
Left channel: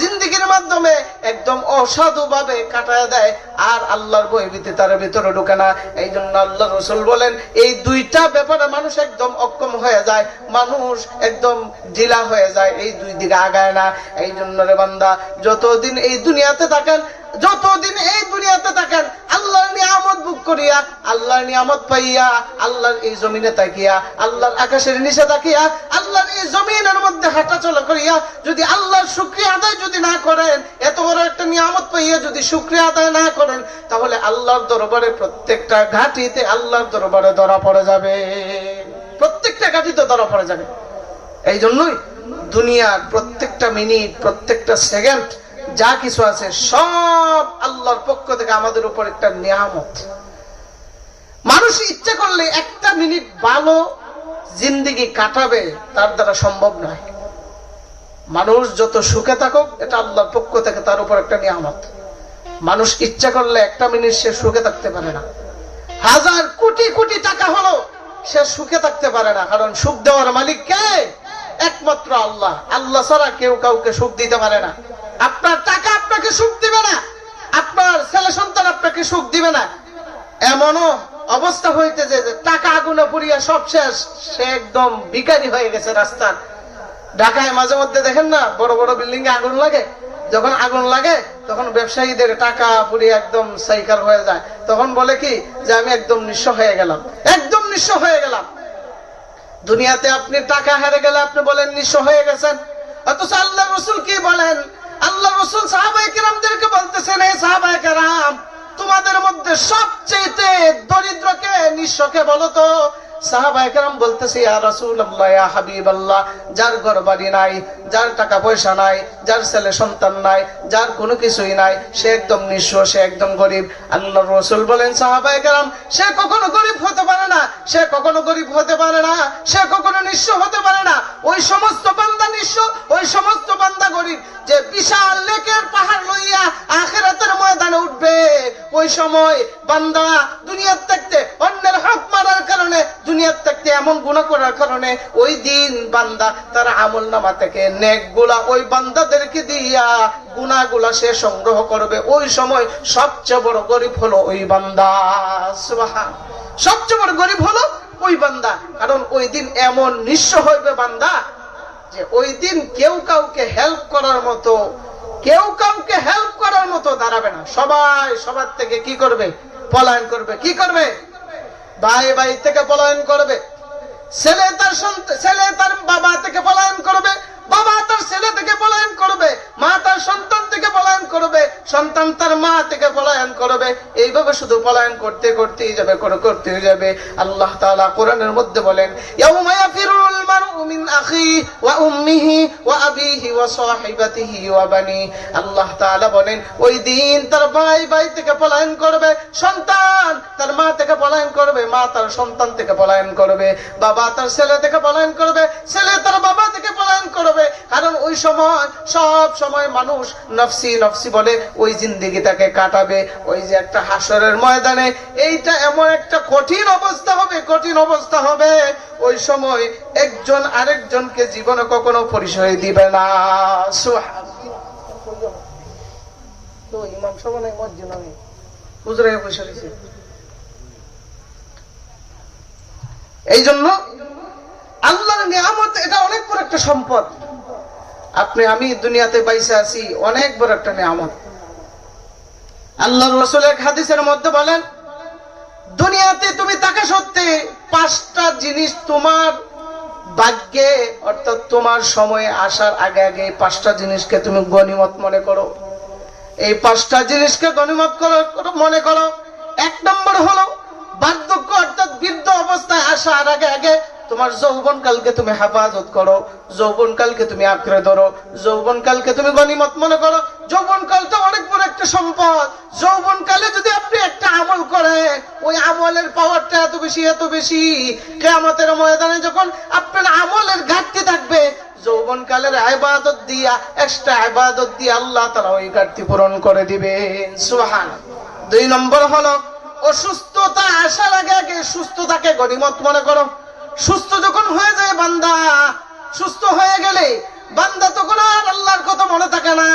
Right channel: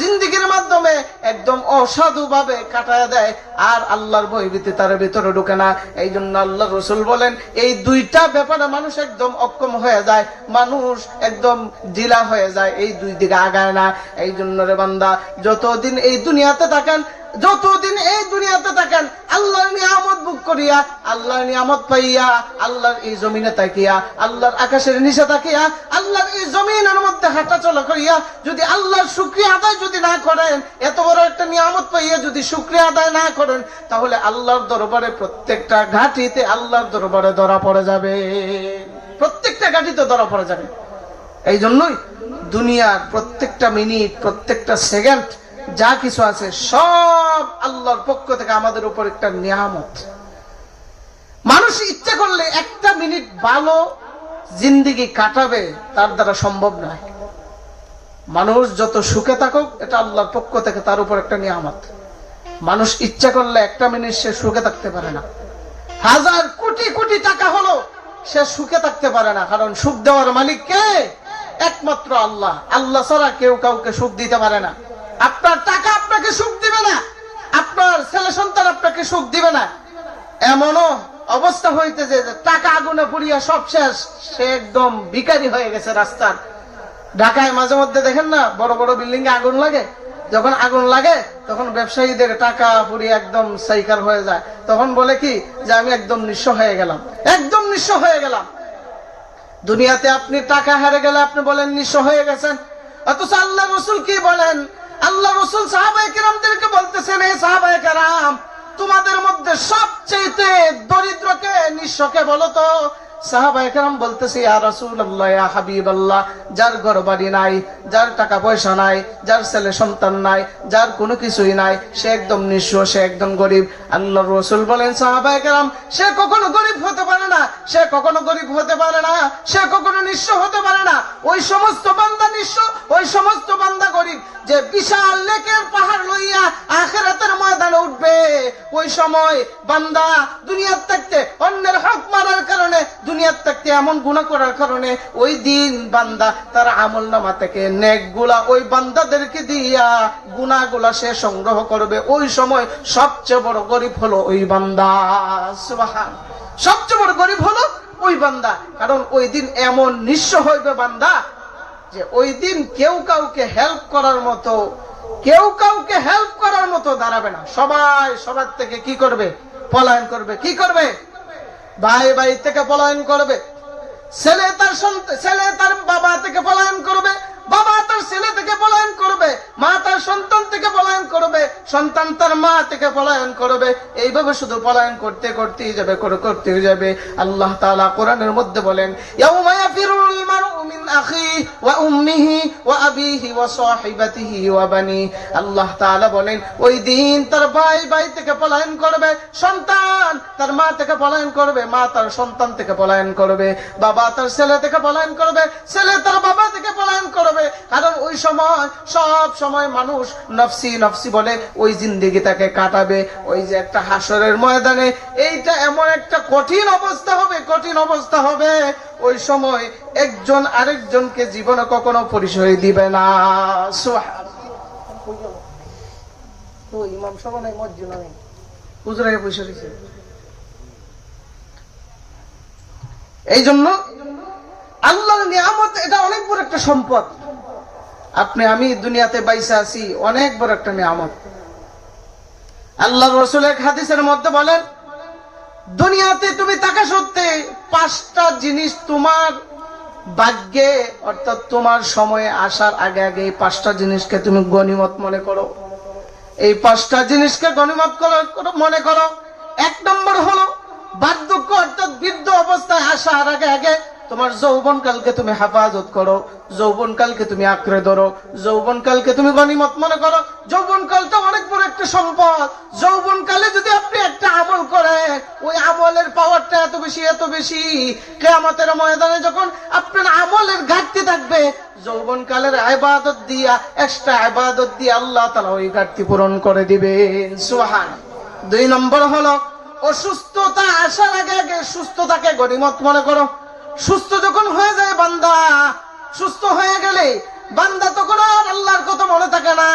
জিন্দেগির মাধ্যমে একদম অসাধু ভাবে কাটায় দেয়, আর আল্লাহর ভয়ভীতি তার ভিতরে ঢুকে না। এই জন্য আল্লাহ রাসূল বলেন এই দুইটা ব্যাপারে মানুষ একদম অক্ষম হয়ে যায়, মানুষ একদম ঢিলা হয়ে যায়, এই দুই দিকে আগায় না। এই জন্য রে বান্দা যতদিন এই দুনিয়াতে থাকেন, যতদিন এই দুনিয়াতে থাকেন আল্লাহর নিয়ামত ভোগ করিয়া, আল্লাহর নিয়ামত পাইয়া, আল্লাহর এই জমিনে তাকিয়া, আল্লাহর আকাশের নিচে তাকিয়া, আল্লাহর এই জমিনের মধ্যে হাঁটা চলা করিয়া যদি আল্লাহর শুকরিয়া আদায় যদি না করেন, এত বড় একটা নিয়ামত পাইয়া যদি শুকরিয়া আদায় না করেন, তাহলে আল্লাহর দরবারে প্রত্যেকটা ঘাটিতে আল্লাহর দরবারে ধরা পড়ে যাবে, প্রত্যেকটা ঘাটিতে ধরা পড়ে যাবে। এই জন্যই দুনিয়ার প্রত্যেকটা মিনিট, প্রত্যেকটা সেকেন্ড যা কিছু আছে সব আল্লাহর পক্ষ থেকে আমাদের উপর একটা নিয়ামত। মানুষ ইচ্ছা করলে একটা মিনিট ভালো জিন্দেগি কাটাবে, তার দ্বারা সম্ভব নয়। মানুষ যত সুখে থাকুক, এটা আল্লাহর পক্ষ থেকে তার উপর একটা নিয়ামত। মানুষ ইচ্ছা করলে একটা মিনিট সে সুখে থাকতে পারে না। হাজার কোটি কোটি টাকা হলো সে সুখে থাকতে পারে না, কারণ সুখ দেওয়ার মালিক কে? একমাত্র আল্লাহ। আল্লাহ ছাড়া কেউ কাউকে সুখ দিতে পারে না। আপনার টাকা আপনাকে সুখ দিবে না, আপনার ছেলে সন্তান আপনাকে সুখ দিবে না। এমনও অবস্থা হইতেছে যে টাকা আগুনে পুড়িয়া সব শেষ, সে একদম ভিখারি হয়ে গেছে রাস্তার। ঢাকায় মাঝে মধ্যে দেখেন না, বড় বড় বিল্ডিং এ আগুন লাগে। যখন আগুন লাগে তখন ব্যবসায়ীদের টাকা পুড়িয়ে একদম সাইকার হয়ে যায়। তখন বলে কি যে আমি একদম নিঃস্ব হয়ে গেলাম, একদম নিঃস্ব হয়ে গেলাম। দুনিয়াতে আপনি টাকা হারে গেলে আপনি বলেন নিঃস্ব হয়ে গেছেন, অথচ আল্লাহ রসুল কি বলেন? আল্লাহ রসুল সাহাবায়ে কেরামদেরকে বলতেছেন, হে সাহাবায়ে কেরাম, তোমাদের মধ্যে সবচেয়ে দরিদ্রকে, নিঃস্বকে বলো তো। সাহাবায়ে কেরাম বলতেছে, ইয়া রাসূলুল্লাহ, ইয়া হাবিবাল্লাহ, যার ঘর বাড়ি নাই, যার টাকা পয়সা নাই, যার ছেলে সন্তান নাই, যার কোনো কিছুই নাই, সে একদম নিঃস্ব, সে একদম গরিব। আল্লাহর রাসূল বলেন, সাহাবায়ে কেরাম, সে কখনো গরিব হতে পারে না, সে কখনো গরিব হতে পারে না, সে কখনো নিঃস্ব হতে পারে না। ওই সমস্ত বান্দা নিঃস্ব, ওই সমস্ত বান্দা গরিব যে বিশাল নেকের পাহাড় লইয়া আখিরাতের ময়দানে উঠবে। ওই সময় বান্দা দুনিয়ার থাকতে অন্যের হক মারার কারণে, দুনিয়ার থাকতে এমন গুনাহ করার কারণে, ওই দিন বান্দা তার আমলনামা থেকে নেকগুলা ওই বান্দাদেরকে দিয়া গুনাহগুলা সে সংগ্রহ করবে। ওই সময় সবচেয়ে বড় গরিব হলো ওই বান্দা। সুবহান, সবচেয়ে বড় গরিব হলো ওই বান্দা। কারণ ওই দিন এমন নিঃস্ব হইবে বান্দা যে ওই দিন কেউ কাউকে হেল্প করার মতো, কেউ কাউকে হেল্প করার মতো দাঁড়াবে না। সবাই সবার থেকে কি করবে? পলায়ন করবে। কি করবে? ভাই ভাই থেকে পলায়ন করবে, ছেলে তার বাবা থেকে পলায়ন করবে, বাবা তার ছেলে থেকে পলায়ন করবে, মা তার সন্তান থেকে পলায়ন করবে, সন্তান তার মা থেকে পলায়ন করবে। এইভাবে শুধু পলায়ন করতে করতেই যাবে, করতে যাবে। আল্লাহ তাআলা কোরআনের মধ্যে বলেন, ইয়াউমা ইয়াফিরুল মারউ মিন আখিহি ওয়া উম্মিহি ওয়া আবিহি ওয়া সাহিবাতিহি ওয়া বানি। আল্লাহ তাআলা বলেন, ওই দিন তার ভাই থেকে পলায়ন করবে, সন্তান তার মা থেকে পলায়ন করবে, মা তার সন্তান থেকে পলায়ন করবে, বাবা তার ছেলে থেকে পলায়ন করবে, ছেলে তার বাবা থেকে পলায়ন করবে। কারণ ওই সময় সব সময় মানুষ নফসি নফসি বলে ওই জিন্দেগি তাকে কাটাবে। ওই যে একটা হাসরের ময়দানে, এইটা এমন একটা কঠিন অবস্থা হবে, কঠিন অবস্থা হবে। ওই সময় একজন আরেকজনকে জীবনে কখনো পরিচয় দিবে না। এই জন্য আল্লাহর নিয়ামত এটা অনেক বড় একটা সম্পদ। আপনি আমি দুনিয়াতে বাইসা আছি, অনেক বড় একটা নিয়ামত। আল্লাহর রাসূল এক হাদিসের মধ্যে বলেন, দুনিয়াতে তুমি থাকা সত্ত্বে 5টা জিনিস তোমার ভাগ্যে, অর্থাৎ তোমার সময়ে আসার আগে আগে 5টা জিনিসকে তুমি গনিমত মনে করো। এই 5টা জিনিসকে গনিমত মনে করো। 1 নম্বর হলো বার্ধক্য, অর্থাৎ বৃদ্ধ অবস্থায় আসার আগে আগে তোমার যৌবন কালকে তুমি হেফাজত করো, যৌবন কালকে তুমি আঁকড়ে ধরো, যৌবন কালকে তুমি গনিমত মনে করো। যৌবন কালটা অনেক বড় একটা সম্পদ। যৌবন কালে যদি আপনি একটা আমল করেন, ওই আমলের পাওয়ারটা এত বেশি, কিয়ামতের ময়দানে যখন আপনার আমলের ঘাটতি থাকবে, যৌবন কালের ইবাদত দিয়া, এক্সট্রা ইবাদত দিয়ে আল্লাহ তাআলা ওই ঘাটতি পূরণ করে দিবেন। সুবহানাল্লাহ। 2 নম্বর হলো অসুস্থতা আসার আগে আগে সুস্থতাকে গনিমত মনে করো। সুস্থ যখন হয়ে যায় বান্দা, সুস্থ হয়ে গেলে বান্দা তখন আর আল্লাহর কথা মনে থাকে না,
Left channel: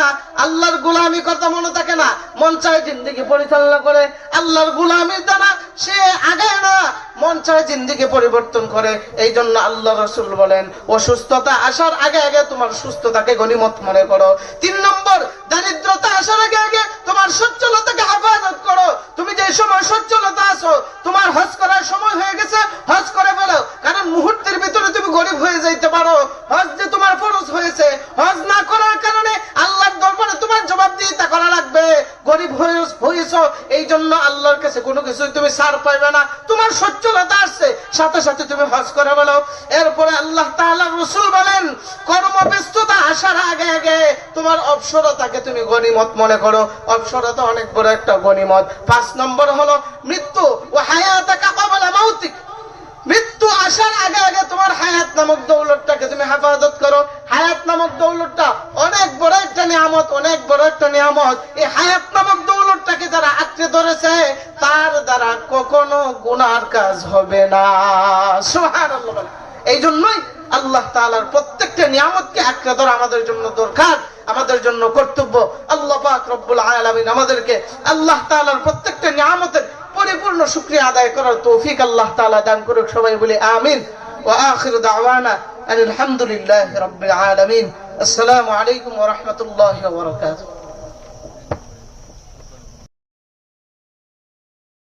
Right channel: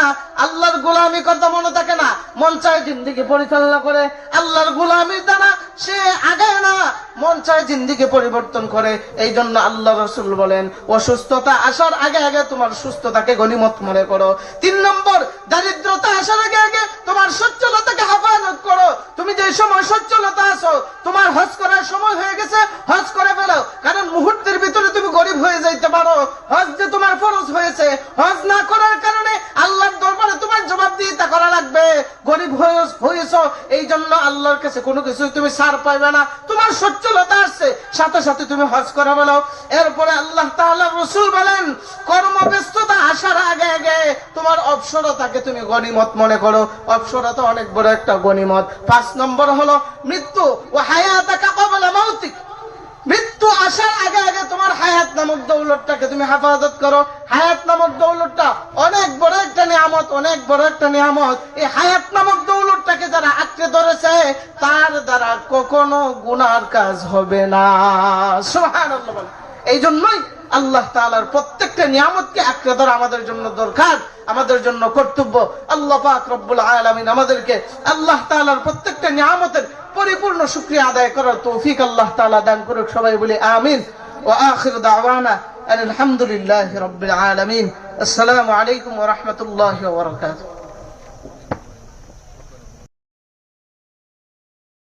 আল্লাহর গোলামি কথা মনে থাকে না, মন চায় জিন্দেগি পরিচালনা করে। আল্লাহর গোলামির দ্বারা সে আগায় না, মন চায় জিন্দেগি পরিবর্তন করে। এই জন্য আল্লাহ রাসূল বলেন, অসুস্থতা আসার আগে আগে তোমার সুস্থতাকে গনিমত মনে করো। 3 নম্বর, দারিদ্রতা আসার আগে আগে তোমার সচ্ছলতাকে হেফাজত করো। তুমি যে সময় সচ্ছলতা আছো, তোমার হজ করার সময় হয়ে গেছে, হজ করে ফেলো। কারণ মুহূর্তের ভিতরে তুমি গরিব হয়ে যাইতে পারো। হজ যে তোমার ফরজ হয়েছে, হজ না করার কারণে আল্লাহর দরবারে তোমার জবাবদিহিতা করা লাগবে। গরিব হয়েছো, এই জন্য আল্লাহর কাছে কোনো কিছু তুমি ছাড় পাইবে না। তোমার সচ্ছলতা আসছে, সাথে সাথে তুমি হজ করে বলো। এরপরে আল্লাহ তাআলা রাসূল বলেন, কর্মব্যস্ততা আসার আগে আগে তোমার অবসরতাকে তুমি গনিমত মনে করো। অবসরতা অনেক বড় একটা গনিমত। 5 নম্বর হলো মৃত্যু। ও হায়াতাকা ক্বাবলা মাউতিক, মৃত্যু আসার আগে আগে তোমার হায়াত নামক দৌলতটাকে তুমি হেফাজত করো। হায়াত নামক দৌলতটা অনেক বড় একটা নিয়ামত, অনেক বড় একটা নিয়ামত। এই হায়াত নামক দৌলতটাকে যারা আঁকড়ে ধরেছে তার দ্বারা কখনো গুনার কাজ হবে না। সুবহানাল্লাহ। এই জন্যই আল্লাহ তাআলার প্রত্যেকটা নিয়ামতকে আঁকড়ে ধরা আমাদের জন্য দরকার, আমাদের জন্য কর্তব্য। আল্লাহ পাক রব্বুল আলামিন আমাদেরকে আল্লাহ তাআলার প্রত্যেকটা নিয়ামতের পরিপূর্ণ শুকরিয়া আদায় করার তৌফিক আল্লাহ তাআলা দান করুক। সবাই বলি আমিন। ওয়া আখিরু দাওয়ানা আলহামদুলিল্লাহি রাব্বিল আলামিন। আসসালামু আলাইকুম ওয়া রাহমাতুল্লাহি ওয়া বারাকাতুহু।